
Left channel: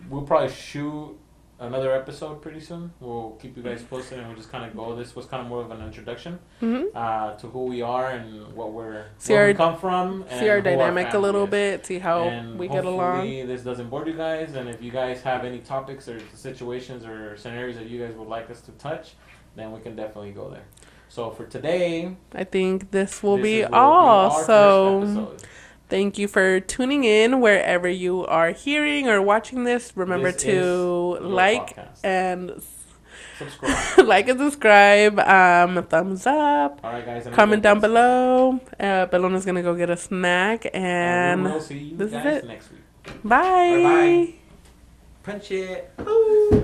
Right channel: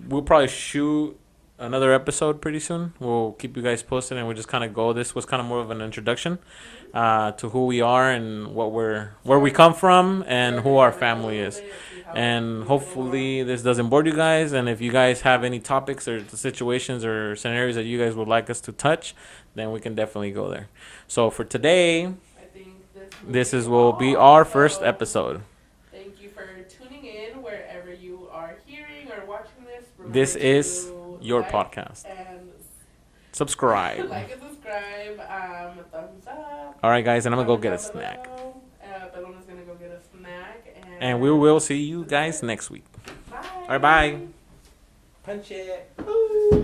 we'll probably shoot another episode pretty soon. We'll keep you guys posted, and we'll just kind of go. This was kind of more of an introduction to who we are and where we come from and who our family a little is. bit, see how and we get hopefully along. this doesn't bore you guys. And if you guys have any topics or situations or scenarios that you guys would like us to touch, then we can definitely go there. So for today, I think this will be our so first episode. Thank you for tuning in wherever you are hearing or watching this. Remember This to is your like podcast. and Subscribe. like and subscribe. Thumbs up. All right, guys, and I'm Comment gonna go down get a below. Belona's gonna go get a snack, and we will see you this is guys it. next week. Bye. Bye. Punch it. Ooh.